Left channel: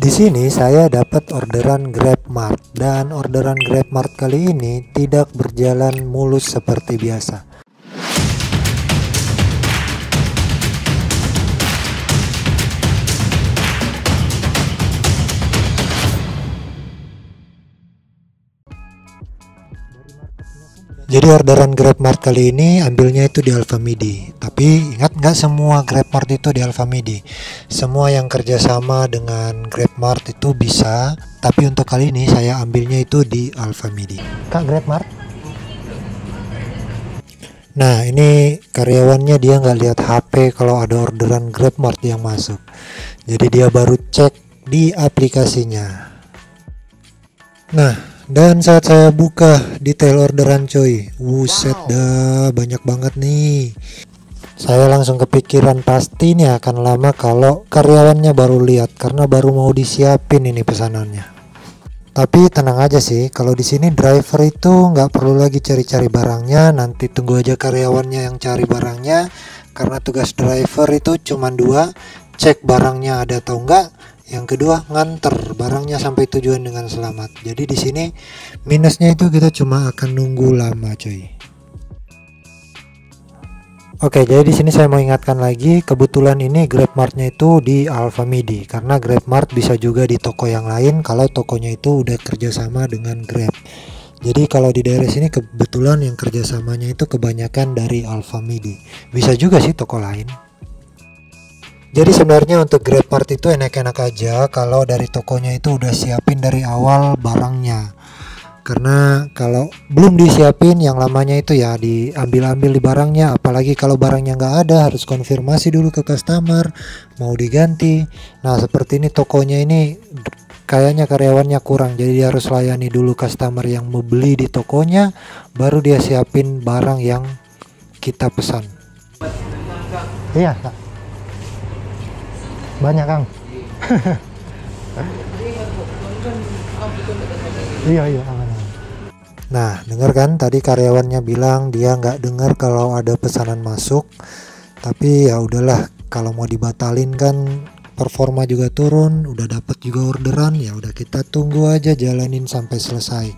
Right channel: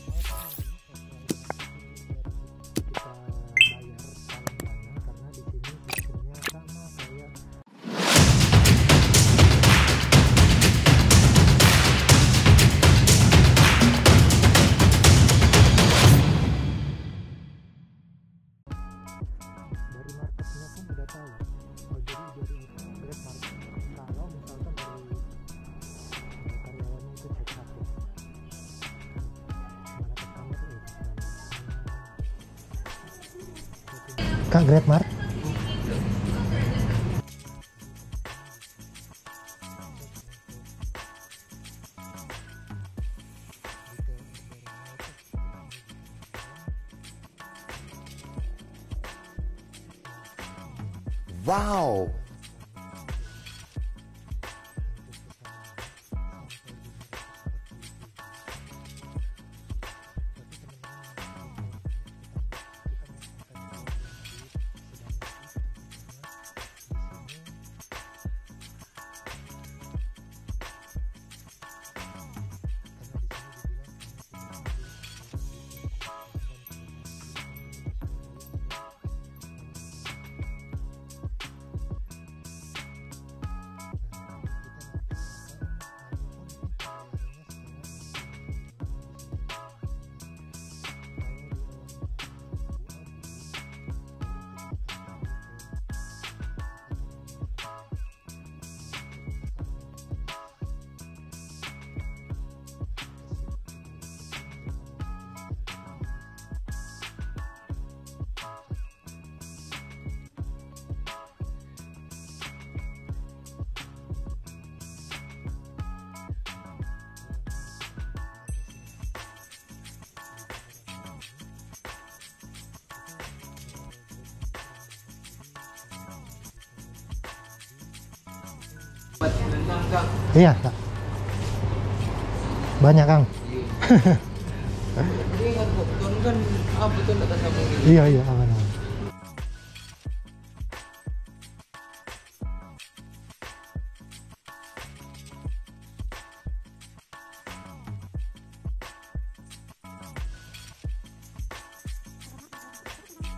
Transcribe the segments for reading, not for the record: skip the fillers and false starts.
Di sini saya dapat orderan GrabMart dan orderan GrabMart kali ini tidak berjalan mulus seperti biasa. Jadi orderan GrabMart kali ini ambilnya itu di Alfamidi. Tapi ingat, nggak semua GrabMart itu di Alfamidi. Semua yang kerjasama dengan GrabMart itu bisa. Tapi untuk kali ini saya ambilnya itu di Alfamidi. Kak, GrabMart? Nah, ini karyawannya dia nggak lihat HP kalau ada orderan GrabMart yang masuk. Jadi dia baru cek di aplikasinya. Nah, dan saat saya buka detail orderan coy, wuset dah, banyak banget nih. Saya langsung kepikiran pasti ini akan lama kalau karyawannya baru lihat karena baru mau disiapin ini pesanannya. Tapi tenang aja sih, kalau di sini driver itu nggak perlu lagi cari-cari barangnya, nanti tunggu aja karyawannya yang cari barangnya. Karena tugas driver itu cuma dua, cek barangnya ada atau enggak. Yang kedua, nganter barangnya sampai tujuan dengan selamat. Jadi di sini minusnya itu kita cuma akan nunggu lama, coy. Oke, jadi di sini saya mau ingatkan lagi, kebetulan ini GrabMart-nya itu di Alfamidi karena GrabMart bisa juga di toko yang lain kalau tokonya itu udah kerjasama dengan Grab. Jadi kalau di daerah sini kebetulan yang kerjasamanya itu kebanyakan dari Alfamidi. Bisa juga sih toko lain. Jadi sebenarnya untuk GrabMart itu enak-enak aja kalau dari tokonya itu udah siapin dari awal barangnya. Karena kalau belum disiapin yang lamanya itu ya diambil-ambil di barangnya, apalagi kalau barangnya nggak ada harus konfirmasi dulu ke customer mau diganti. Nah seperti ini tokonya ini kayaknya karyawannya kurang, jadi dia harus layani dulu customer yang mau beli di tokonya, baru dia siapin barang yang kita pesan. Iya Kak. Banyak Kang. Iya aman. Nah dengar kan tadi karyawannya bilang dia nggak dengar kalau ada pesanan masuk, tapi ya udahlah, kalau mau dibatalin kan performa juga turun, udah dapat juga orderan, ya udah kita tunggu aja, jalanin sampai selesai.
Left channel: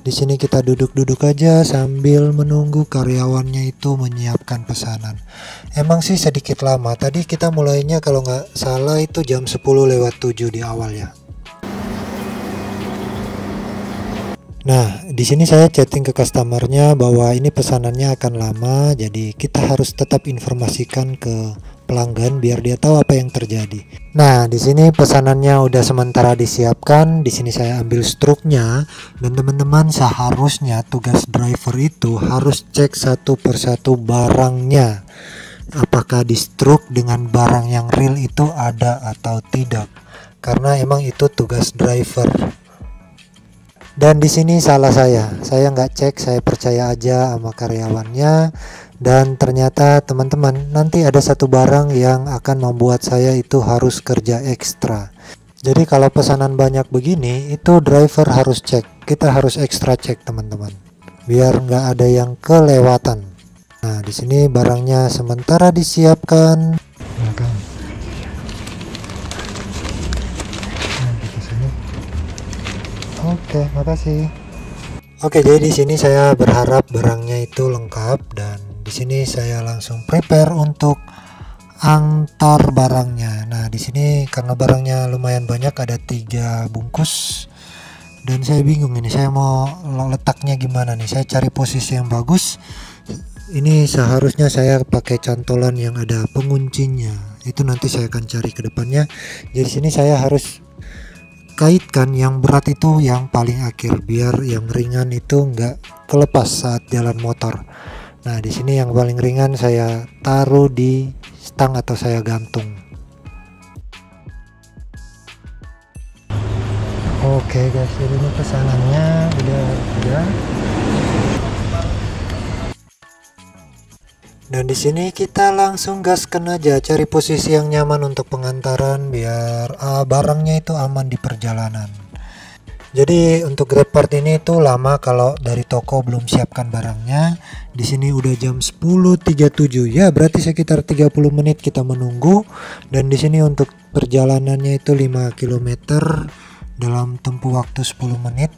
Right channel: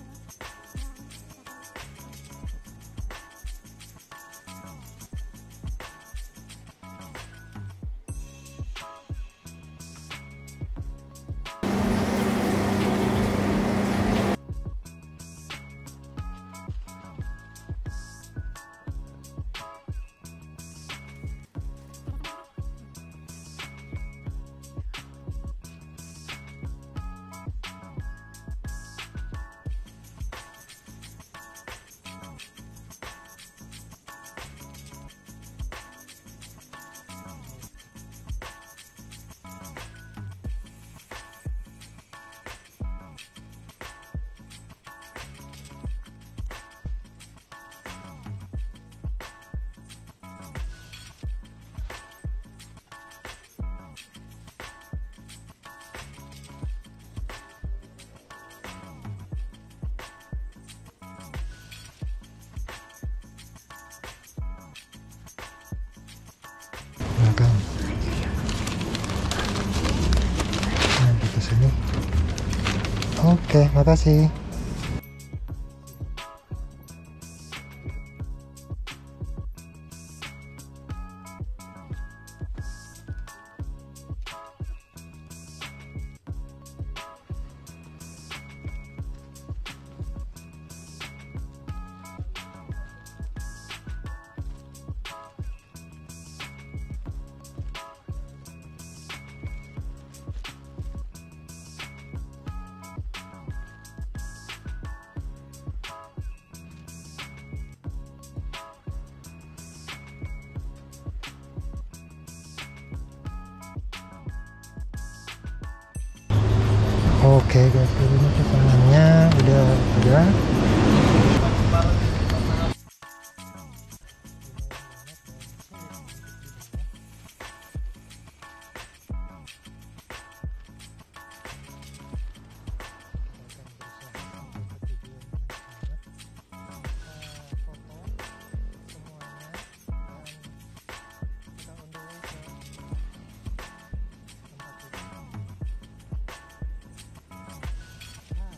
Di sini kita duduk-duduk aja sambil menunggu karyawannya itu menyiapkan pesanan. Emang sih sedikit lama, tadi kita mulainya kalau nggak salah itu jam 10:07 di awal ya. Nah, di sini saya chatting ke customernya bahwa ini pesanannya akan lama, jadi kita harus tetap informasikan ke pelanggan biar dia tahu apa yang terjadi. Nah, di sini pesanannya udah sementara disiapkan. Di sini saya ambil struknya, dan teman-teman seharusnya tugas driver itu harus cek satu persatu barangnya. Apakah di struk dengan barang yang real itu ada atau tidak? Karena emang itu tugas driver. Dan di sini salah saya nggak cek, saya percaya aja sama karyawannya. Dan ternyata teman-teman, nanti ada satu barang yang akan membuat saya itu harus kerja ekstra. Jadi kalau pesanan banyak begini, itu driver harus cek, kita harus ekstra cek teman-teman, biar nggak ada yang kelewatan. Nah di sini barangnya sementara disiapkan. Nah, kan. Nah, di sini. Oke, makasih. Oke, jadi di sini saya berharap barangnya itu lengkap, dan di sini saya langsung prepare untuk antar barangnya. Nah, di sini karena barangnya lumayan banyak, ada 3 bungkus. Dan saya bingung ini saya mau letaknya gimana nih. Saya cari posisi yang bagus. Ini seharusnya saya pakai cantolan yang ada penguncinya. Itu nanti saya akan cari ke depannya. Jadi sini saya harus kaitkan yang berat itu yang paling akhir biar yang ringan itu nggak kelepas saat jalan motor. Nah di sini yang paling ringan saya taruh di stang atau saya gantung. Oke guys, ini pesanannya udah ada. Dan di sini kita langsung gaskan aja, cari posisi yang nyaman untuk pengantaran biar barangnya itu aman di perjalanan. Jadi untuk GrabMart ini itu lama kalau dari toko belum siapkan barangnya. Di sini udah jam 10.37 ya, berarti sekitar 30 menit kita menunggu. Dan di sini untuk perjalanannya itu 5 km dalam tempuh waktu 10 menit.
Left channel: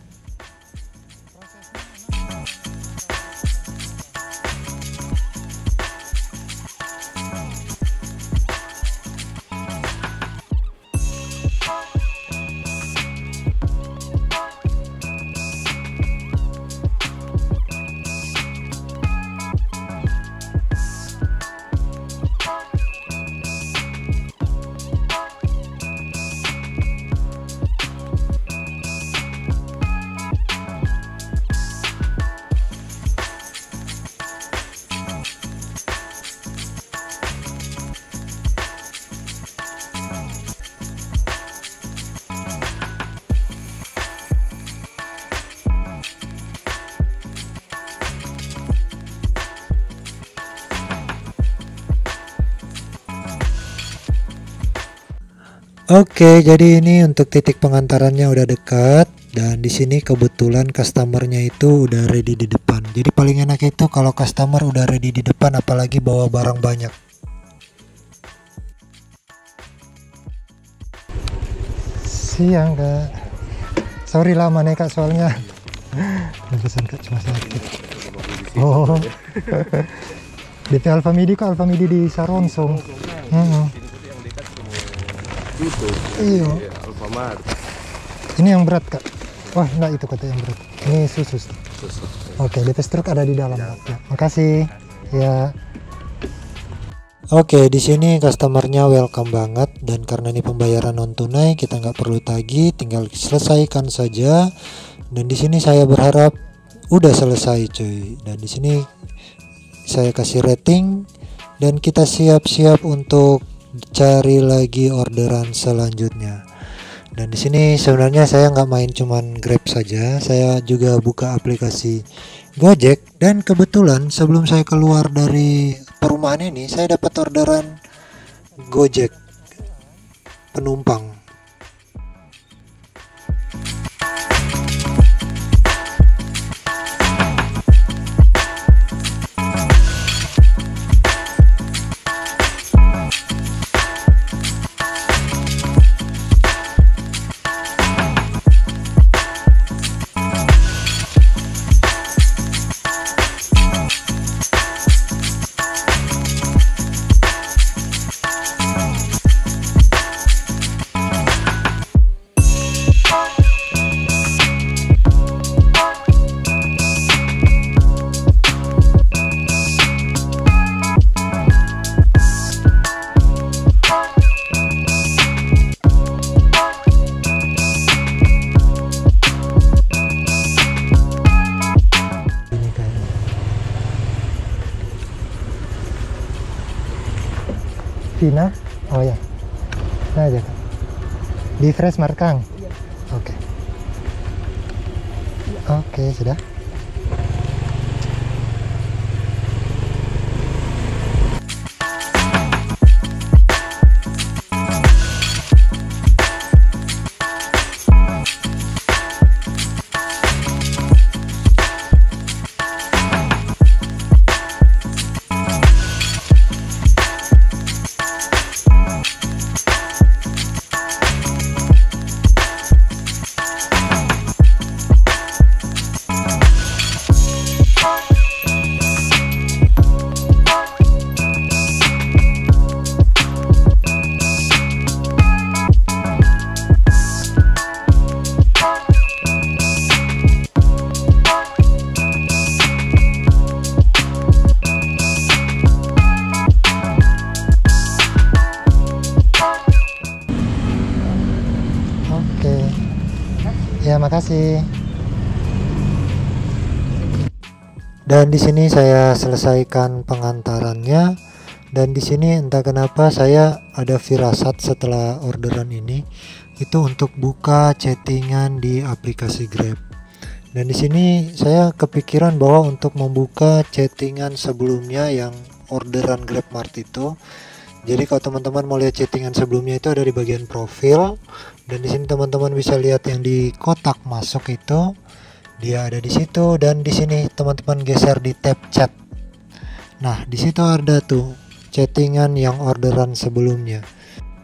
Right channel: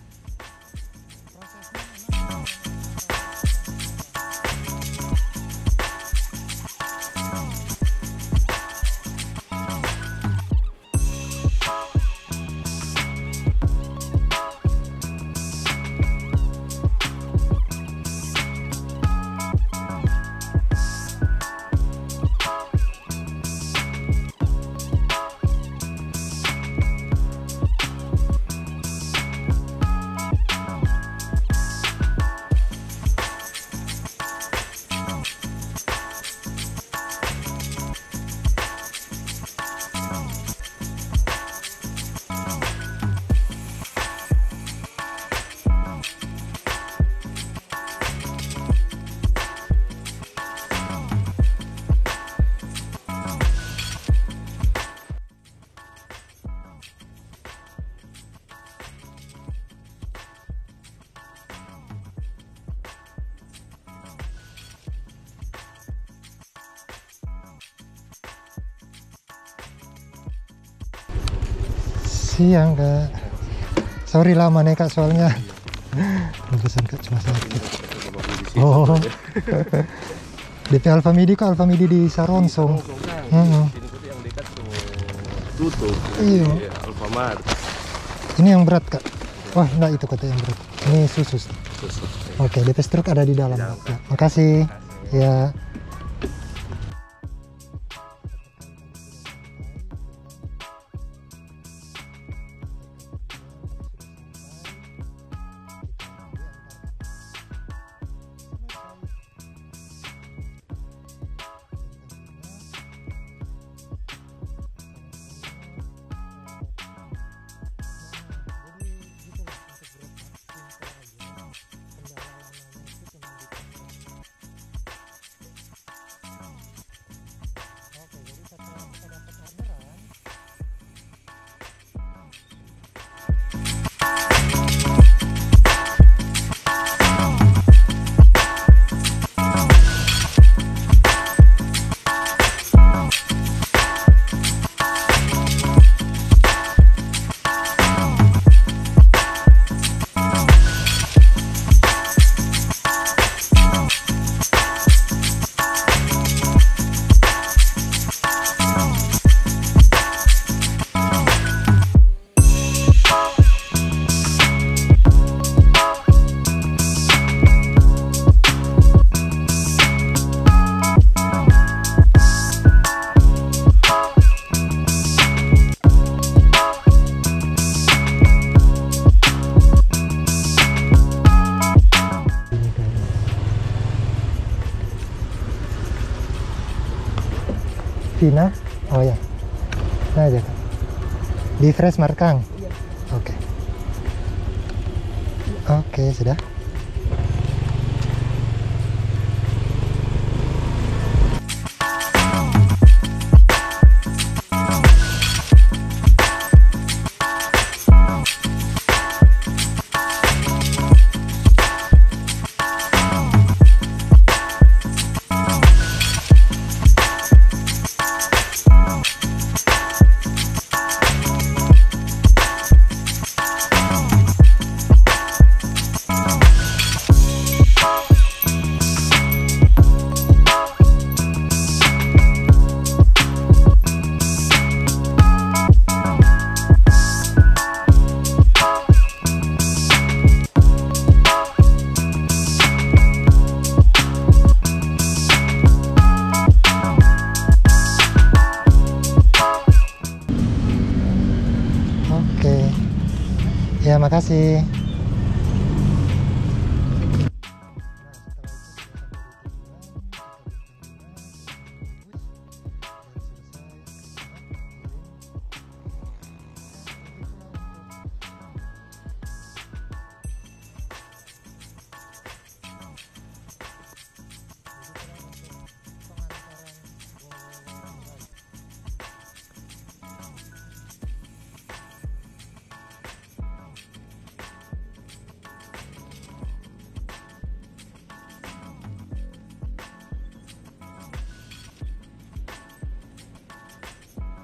Oke, jadi ini untuk titik pengantarannya udah dekat, dan di sini kebetulan customernya itu udah ready di depan. Jadi paling enak itu kalau customer udah ready di depan, apalagi bawa barang banyak. Siang Kak, sorry lama nih Kak soalnya. Pesan Kak cuma sakit. Oh, DP Alfamidi kok, Alfamidi di Saronsong. Tutup. Iya. Alfamart. Ini yang berat Kak. Wah enggak, itu kata yang berat. Ini susu. Oke, DP struk ada di dalam Kak. Ya, makasih. Ya. Oke, di sini customernya welcome banget, dan karena ini pembayaran non tunai kita nggak perlu tagih, tinggal selesaikan saja. Dan di sini saya berharap udah selesai cuy. Dan di sini saya kasih rating, dan kita siap-siap untuk cari lagi orderan selanjutnya. Dan di sini sebenarnya saya nggak main cuman Grab saja, saya juga buka aplikasi Gojek. Dan kebetulan sebelum saya keluar dari perumahan ini, saya dapat orderan Gojek penumpang. Vina? Oh ya, nah aja Kak. Di Fresh Markang? Oke. Oke, sudah. Ya, makasih. Dan di sini saya selesaikan pengantarannya, dan di sini entah kenapa saya ada firasat setelah orderan ini itu untuk buka chattingan di aplikasi Grab. Dan di sini saya kepikiran bahwa untuk membuka chattingan sebelumnya yang orderan GrabMart itu. Jadi kalau teman-teman mau lihat chattingan sebelumnya itu ada di bagian profil, dan di sini teman-teman bisa lihat yang di kotak masuk itu dia ada di situ, dan di sini teman-teman geser di tab chat. Nah, di situ ada tuh chattingan yang orderan sebelumnya.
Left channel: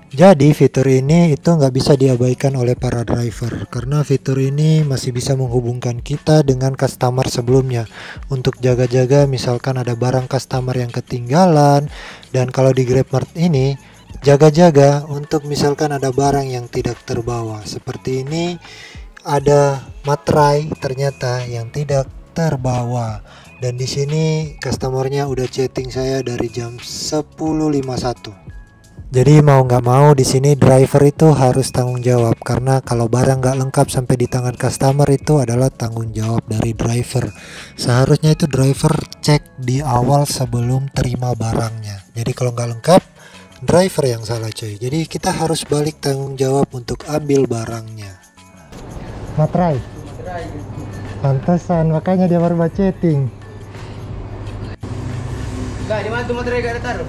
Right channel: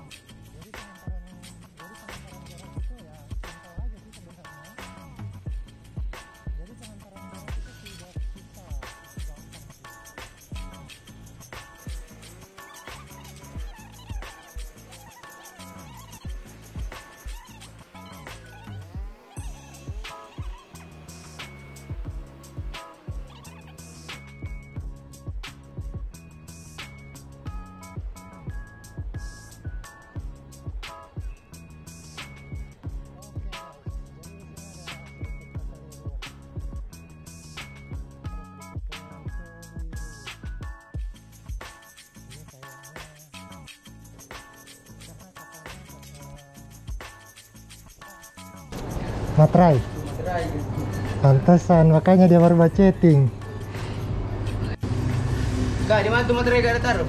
Jadi fitur ini itu nggak bisa diabaikan oleh para driver karena fitur ini masih bisa menghubungkan kita dengan customer sebelumnya untuk jaga-jaga misalkan ada barang customer yang ketinggalan. Dan kalau di GrabMart ini jaga-jaga untuk misalkan ada barang yang tidak terbawa seperti ini, ada materai ternyata yang tidak terbawa. Dan di sini customernya udah chatting saya dari jam 10.51. Jadi mau nggak mau di sini driver itu harus tanggung jawab karena kalau barang nggak lengkap sampai di tangan customer itu adalah tanggung jawab dari driver. Seharusnya itu driver cek di awal sebelum terima barangnya. Jadi kalau nggak lengkap, driver yang salah cuy. Jadi kita harus balik tanggung jawab untuk ambil barangnya. Materai. Pantesan makanya dia baru chatting. Enggak, di mana tuh materai gak ada taruh?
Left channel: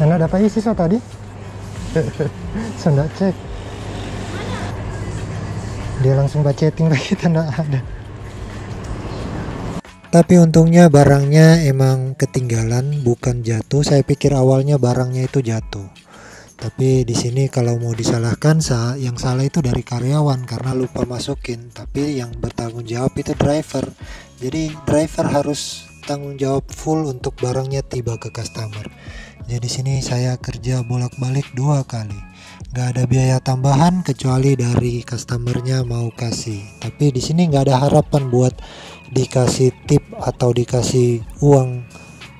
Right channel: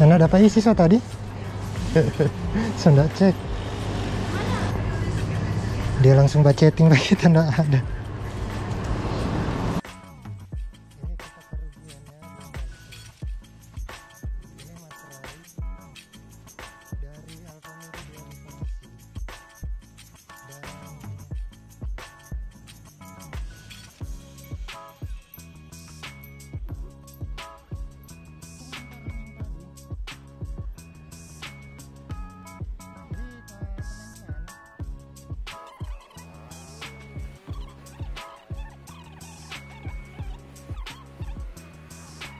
Enak dapat isi so tadi. So nggak cek. Dia langsung chatting lagi tanda ada. Tapi untungnya barangnya emang ketinggalan, bukan jatuh. Saya pikir awalnya barangnya itu jatuh. Tapi di sini kalau mau disalahkan, yang salah itu dari karyawan karena lupa masukin. Tapi yang bertanggung jawab itu driver. Jadi driver harus tanggung jawab full untuk barangnya tiba ke customer. Jadi sini saya kerja bolak-balik 2 kali. Nggak ada biaya tambahan kecuali dari customernya mau kasih. Tapi di sini nggak ada harapan buat dikasih tip atau dikasih uang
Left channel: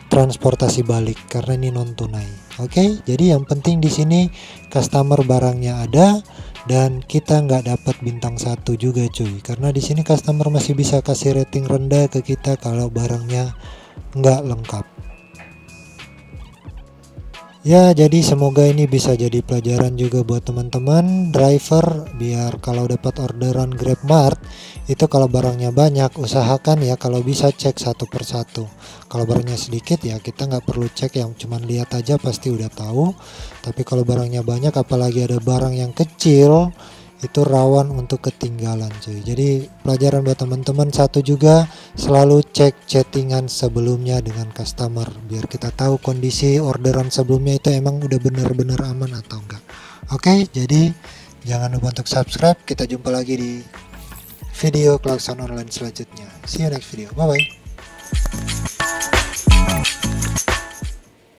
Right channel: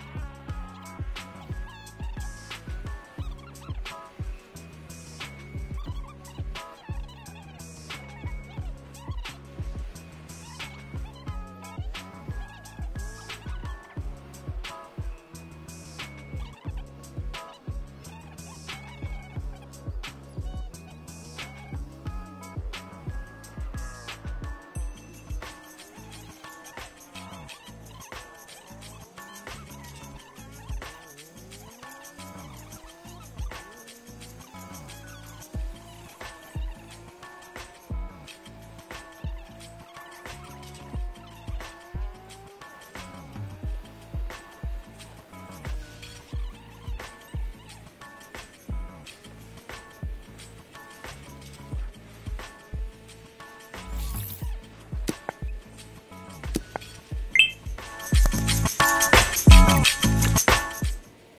transportasi balik karena ini non tunai. Oke, jadi yang penting di sini customer barangnya ada dan kita nggak dapat bintang 1 juga cuy. Karena di sini customer masih bisa kasih rating rendah ke kita kalau barangnya nggak lengkap. Ya, jadi semoga ini bisa jadi pelajaran juga buat teman-teman driver biar kalau dapat orderan GrabMart itu kalau barangnya banyak usahakan ya kalau bisa cek satu persatu. Kalau barangnya sedikit ya kita nggak perlu cek, yang cuman lihat aja pasti udah tahu. Tapi kalau barangnya banyak apalagi ada barang yang kecil itu rawan untuk ketinggalan cuy. Jadi pelajaran buat teman-teman satu juga, selalu cek chattingan sebelumnya dengan customer biar kita tahu kondisi orderan sebelumnya itu emang udah benar-benar aman atau enggak. Oke, jadi jangan lupa untuk subscribe. Kita jumpa lagi di video Klakson Online selanjutnya. See you next video. Bye bye.